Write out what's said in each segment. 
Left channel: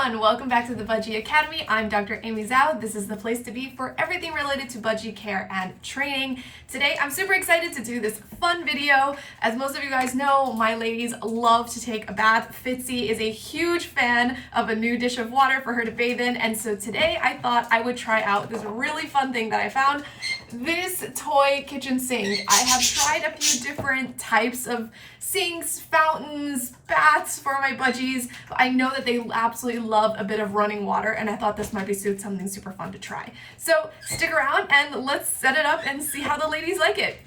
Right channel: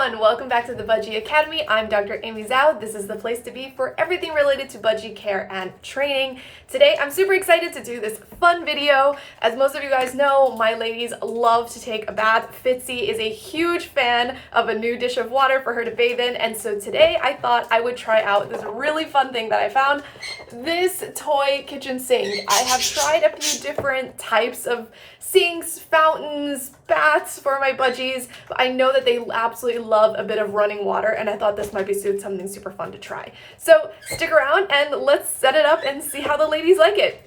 everyone, welcome back to the Budgie Academy. I'm Dr. Amy Zhao. This is the place to be for everything related to budgie care and training. Today, I'm super excited to do this fun video. As most of you guys know, my ladies love to take a bath. FitC is a huge fan of a new dish of water for her to bathe in, and so today I thought I would try out this really fun thing that I found, this toy kitchen sink. I have tried a few different types of sinks, fountains, baths for my budgies, but I know that they absolutely love a bit of running water, and I thought this might be something super fun to try. So stick around and let's set it up and see how the ladies like it.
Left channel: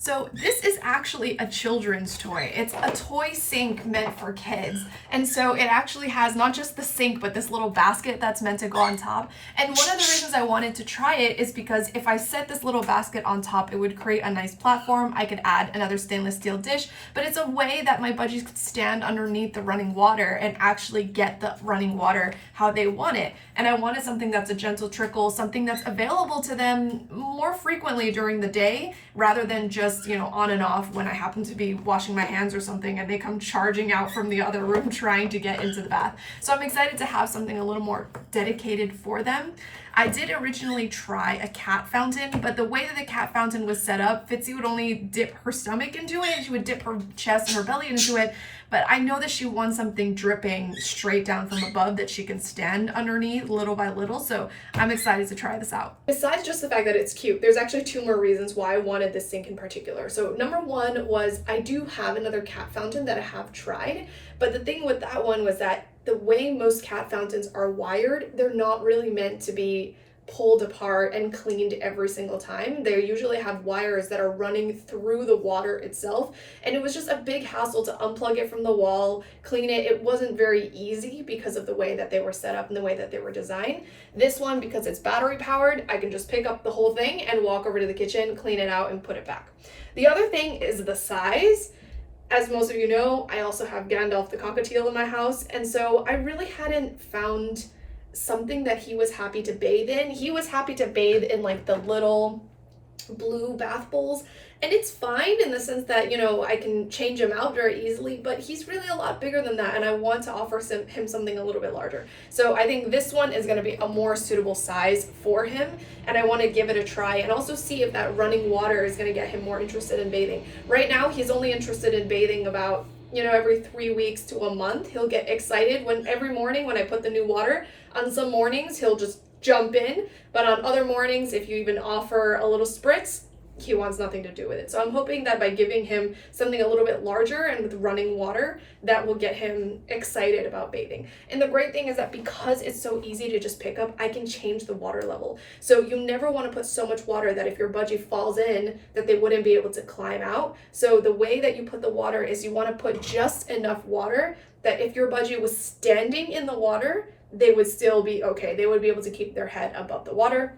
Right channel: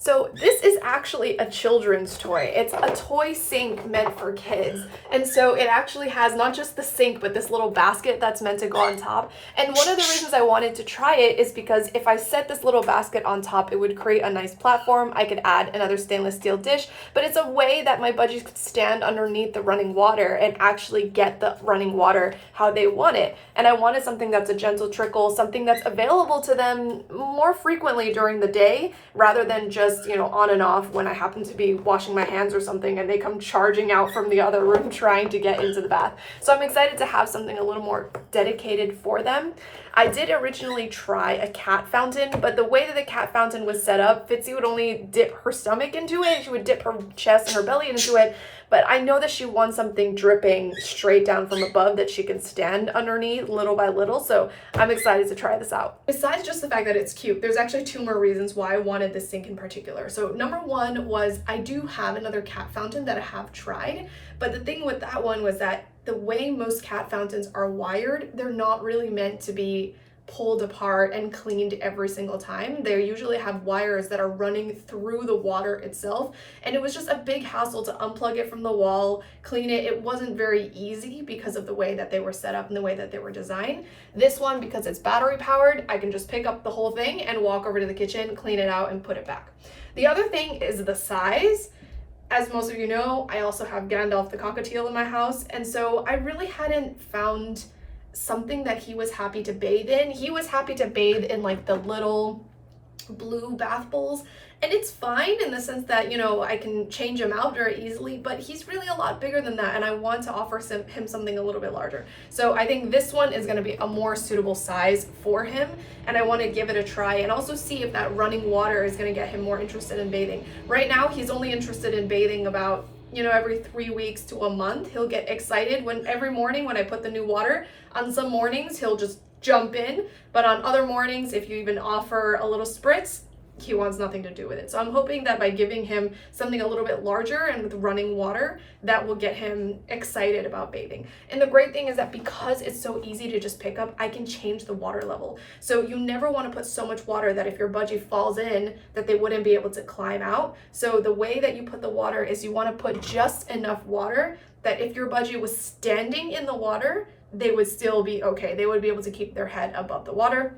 So this is actually a children's toy. It's a toy sink meant for kids. And so it actually has not just the sink, but this little basket that's meant to go on top. And one of the reasons I wanted to try it is because if I set this little basket on top, it would create a nice platform. I could add another stainless steel dish, but it's a way that my budgies could stand underneath the running water and actually get the running water how they want it. And I wanted something that's a gentle trickle, something that's available to them more frequently during the day, rather than just, on and off when I happen to be washing my hands or something and they come charging out from the other room trying to get into the bath. So I'm excited to have something a little more dedicated for them. I did originally try a cat fountain, but the way that the cat fountain was set up, FitC would only dip her stomach into it. She would dip her chest and her belly into it, but I know that she wants something dripping straight down from above that she can stand underneath little by little, so I'm excited to try this out. Besides just the fact that it's cute, there's actually two more reasons why I wanted this sink in particular. So number one was I do have another cat fountain that I have tried, but the thing with that one was that the way most cat fountains are wired, they're not really meant to be pulled apart and cleaned every single time. They usually have wires that are running through the water itself, and it was just a big hassle to unplug it from the wall, clean it. It wasn't very easy because of the way that they were set up and the way that they were designed. This one, because it's battery powered, I can just pick up the whole thing and walk over to the kitchen, clean it out, and put it back. The other thing is the size. As most of you know, I also have Gandalf the cockatiel in my house, and so I really hadn't found something that he was happy to bathe in. He was happy to bathe in like the little blue bath bowls, and it's fine in the sense that, I can change him out very easily, but he's really a lot bigger than that, and I want to offer him something a little bit larger. So I think this one is going to be a more suitable size for him, and I want to give it a try and also see if that running water is going to get him more interested in bathing. Right now, he's only interested in bathing about every 3 weeks to a month. He'll get excited every morning when I put the new water. On some mornings, he'll just jump in, but on other mornings, if you even offer a little spritz, he wants nothing to do with it. So I'm hoping that by giving him something a little bit larger and with running water, that will get him excited about bathing. And the great thing is that because it's so easy to just pick up, I can change the water level. So you never want to put so much water that if your budgie falls in, that they wouldn't be able to climb out. So the way that you put the water is you want to put just enough water that if your budgie was standing in the water, they would still be okay. They would be able to keep their head above the water.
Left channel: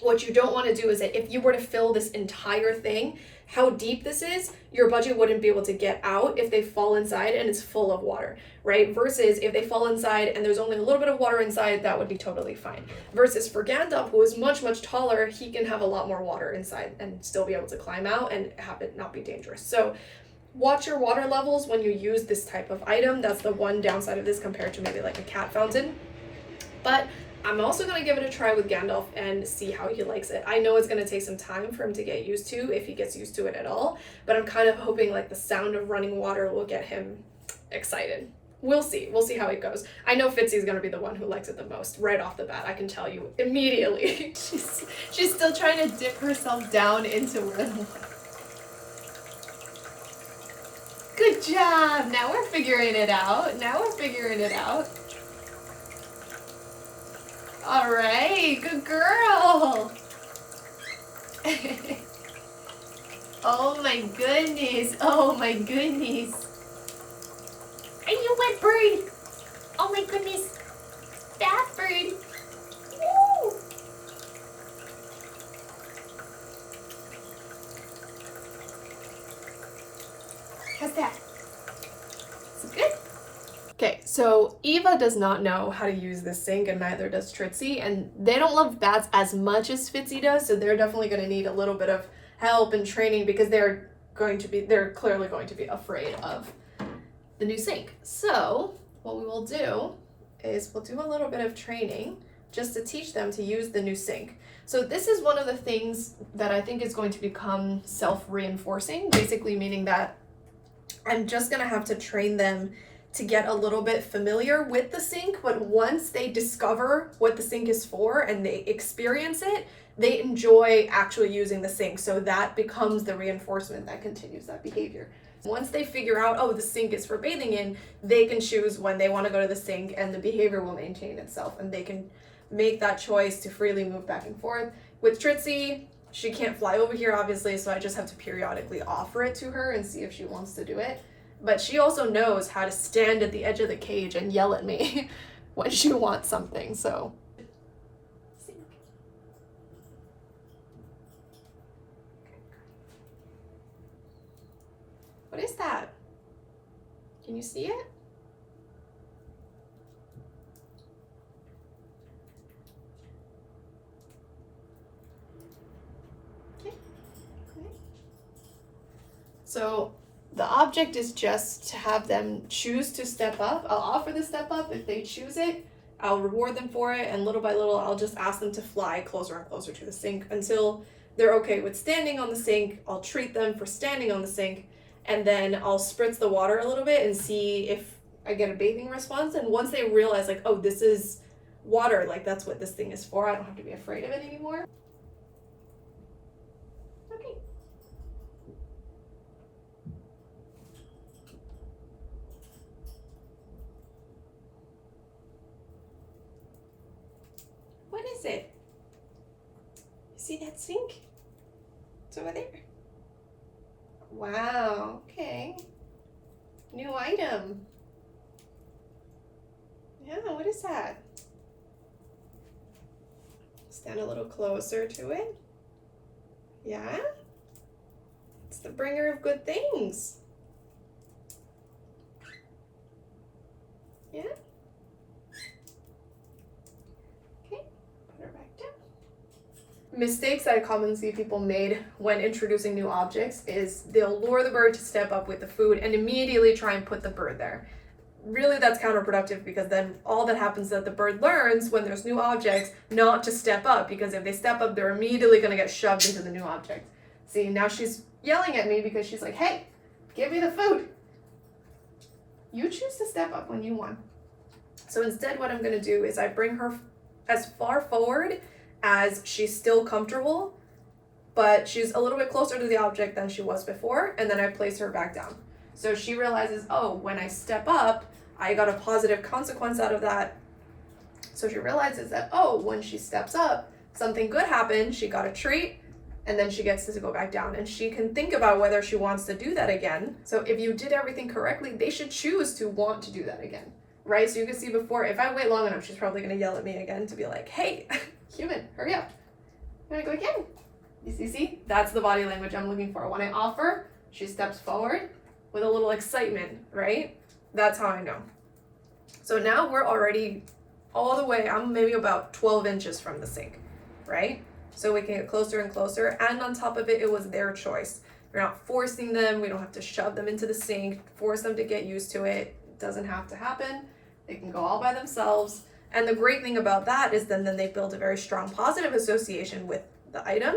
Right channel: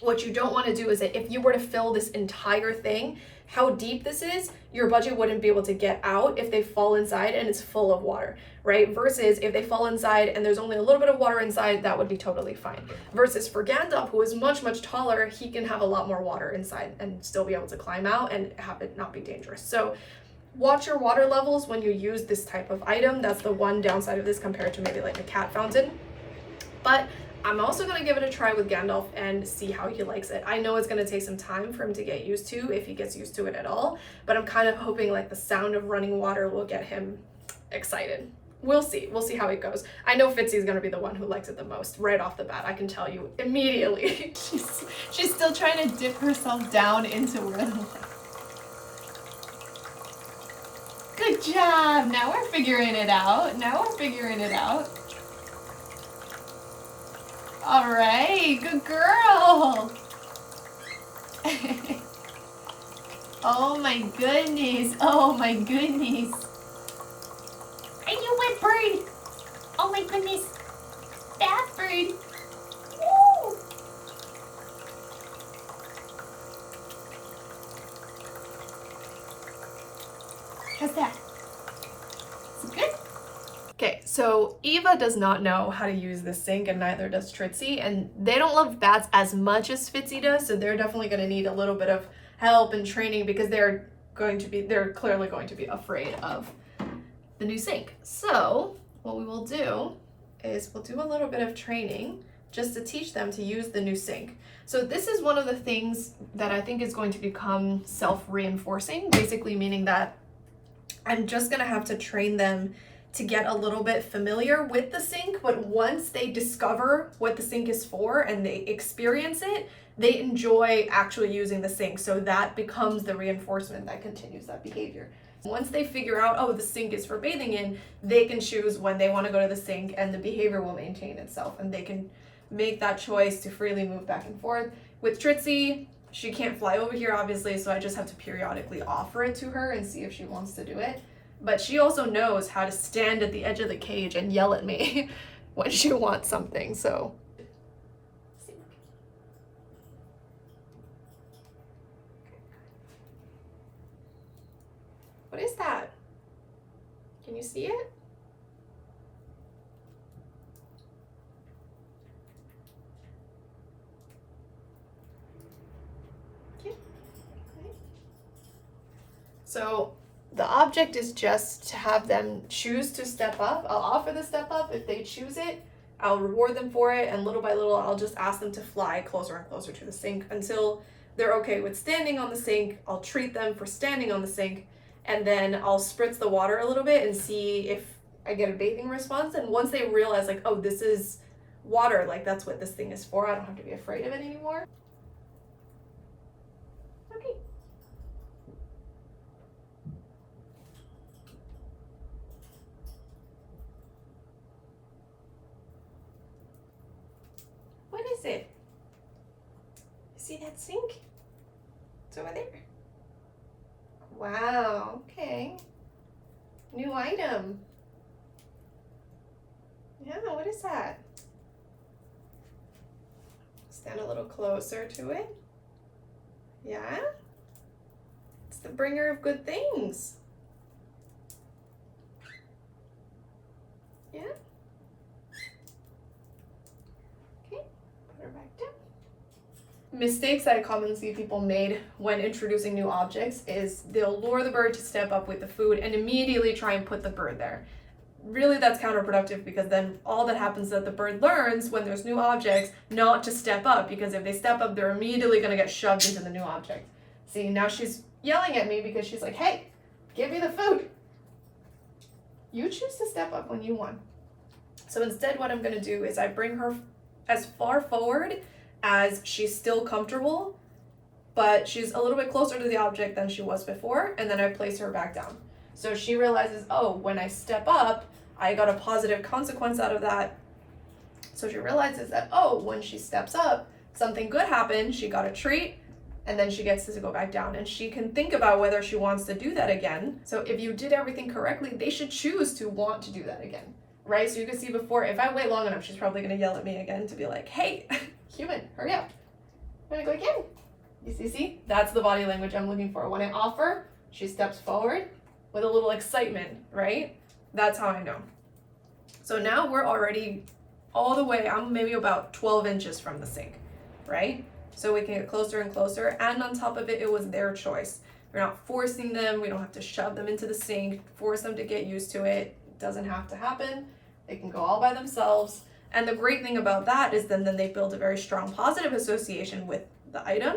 What you don't want to do is that if you were to fill this entire thing, how deep this is, your budgie wouldn't be able to get out if they fall inside and it's full of water, right? Versus if they fall inside and there's only a little bit of water inside, that would be totally fine. Versus for Gandalf, who is much, much taller, he can have a lot more water inside and still be able to climb out and have it not be dangerous. So watch your water levels when you use this type of item. That's the one downside of this compared to maybe like a cat fountain. But I'm also going to give it a try with Gandalf and see how he likes it. I know it's going to take some time for him to get used to, if he gets used to it at all, but I'm kind of hoping like the sound of running water will get him excited. We'll see how it goes. I know FitC is going to be the one who likes it the most right off the bat. I can tell you immediately. She's still trying to dip herself down into where the water. Good job. Now we're figuring it out. All right, good girl. Oh my goodness. Are you wet bird? Oh my goodness. Bath bird. Woo. How's that? Is it good? Okay, so Eva does not know how to use this sink, and neither does Trixie, and they don't love baths as much as FitC does, so they're definitely going to need a little bit of help and training because they're clearly going to be afraid of the new sink. So what we will do is we'll do a little bit of training just to teach them to use the new sink. So this is one of the things that I think is going to become self-reinforcing, basically meaning that I'm just gonna have to train them to get a little bit familiar with the sink, but once they discover what the sink is for and they experience it, they enjoy actually using the sink. So that becomes the reinforcement that continues that behavior. Once they figure out, oh, the sink is for bathing in, they can choose when they want to go to the sink and the behavior will maintain itself and they can make that choice to freely move back and forth. With Tritsy, she can't fly over here obviously, so I just have to periodically offer it to her and see if she wants to do it. But she also knows how to stand at the edge of the cage and yell at me when she wants something, so. What is that? Can you see it? So the object is just to have them choose to step up. I'll offer the step up. If they choose it, I'll reward them for it. And little by little, I'll just ask them to fly closer and closer to the sink until they're okay with standing on the sink. I'll treat them for standing on the sink. And then I'll spritz the water a little bit and see if I get a bathing response. And once they realize like, oh, this is water, like that's what this thing is for, I don't have to be afraid of it anymore. Okay. What is it? See that sink? It's over there. Wow, okay. New item. Yeah, what is that? Stand a little closer to it. Yeah? It's the bringer of good things. Yeah? Okay, put her back down. Mistakes that I commonly see people made when introducing new objects is they'll lure the bird to step up with the food and immediately try and put the bird there. Really, that's counterproductive because then all that happens is that the bird learns when there's new objects not to step up, because if they step up, they're immediately going to get shoved into the new object. See, now she's yelling at me because she's like, hey, give me the food. You choose to step up when you want. So instead, what I'm going to do is I bring her as far forward as she's still comfortable, but she's a little bit closer to the object than she was before, and then I place her back down. So she realizes, oh, when I step up, I got a positive consequence out of that. So she realizes that, oh, when she steps up, something good happened, she got a treat, and then she gets to go back down, and she can think about whether she wants to do that again. So if you did everything correctly, they should choose to want to do that again, right? So you can see before, if I wait long enough, she's probably gonna yell at me again to be like, hey, human, hurry up. I'm gonna go again. You see? That's the body language I'm looking for. When I offer, she steps forward with a little excitement, right? That's how I know. So now we're already all the way, I'm maybe about 12 inches from the sink, right? So we can get closer and closer, and on top of it, it was their choice. We're not forcing them, we don't have to shove them into the sink, force them to get used to it. It doesn't have to happen. They can go all by themselves. And the great thing about that is then they build a very strong positive association with the item.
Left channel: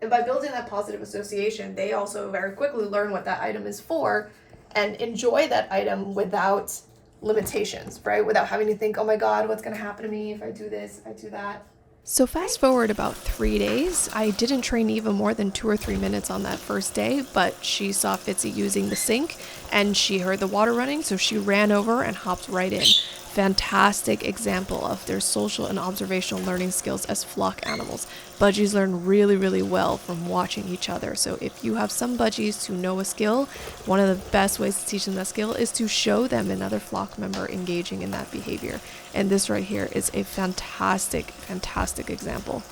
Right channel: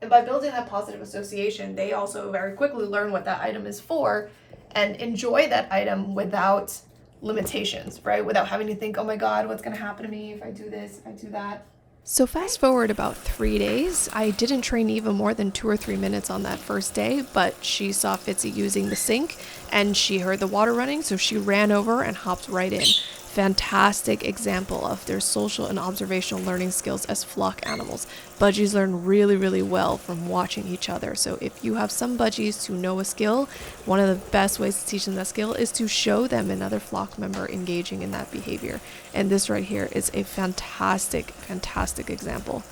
And by building that positive association, they also very quickly learn what that item is for and enjoy that item without limitations, right? Without having to think, oh my God, what's gonna happen to me if I do this, if I do that. So fast forward about 3 days, I didn't train Eva more than 2 or 3 minutes on that first day, but she saw Fitzy using the sink and she heard the water running, so she ran over and hopped right in. Fantastic example of their social and observational learning skills as flock animals. Budgies learn really, really well from watching each other. So if you have some budgies who know a skill, one of the best ways to teach them that skill is to show them another flock member engaging in that behavior. And this right here is a fantastic, fantastic example.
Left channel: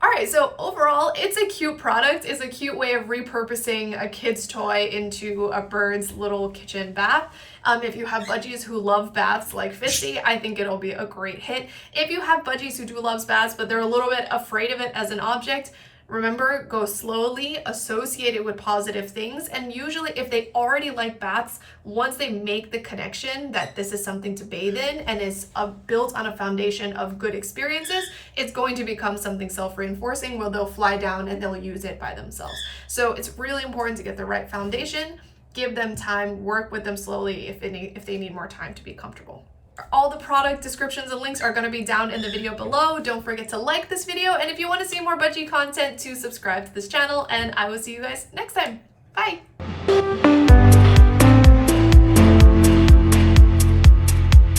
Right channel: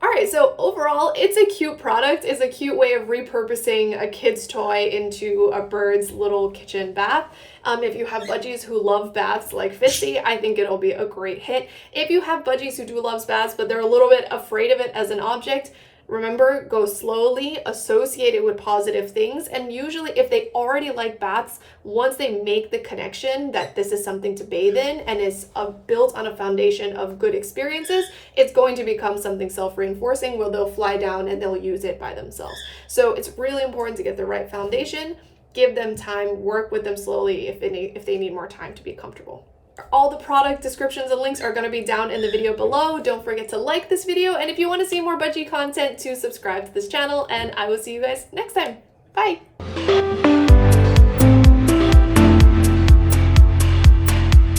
All right, so overall, it's a cute product. It's a cute way of repurposing a kid's toy into a bird's little kitchen bath. If you have budgies who love baths like Fitzy, I think it'll be a great hit. If you have budgies who do love baths, but they're a little bit afraid of it as an object, Remember, go slowly, associate it with positive things, and usually if they already like baths, once they make the connection that this is something to bathe in and is built on a foundation of good experiences, it's going to become something self-reinforcing where they'll fly down and they'll use it by themselves. So it's really important to get the right foundation, give them time, work with them slowly if they need more time to be comfortable. All the product descriptions and links are going to be down in the video below. Don't forget to like this video, and if you want to see more budgie content, to subscribe to this channel, and I will see you guys next time. Bye!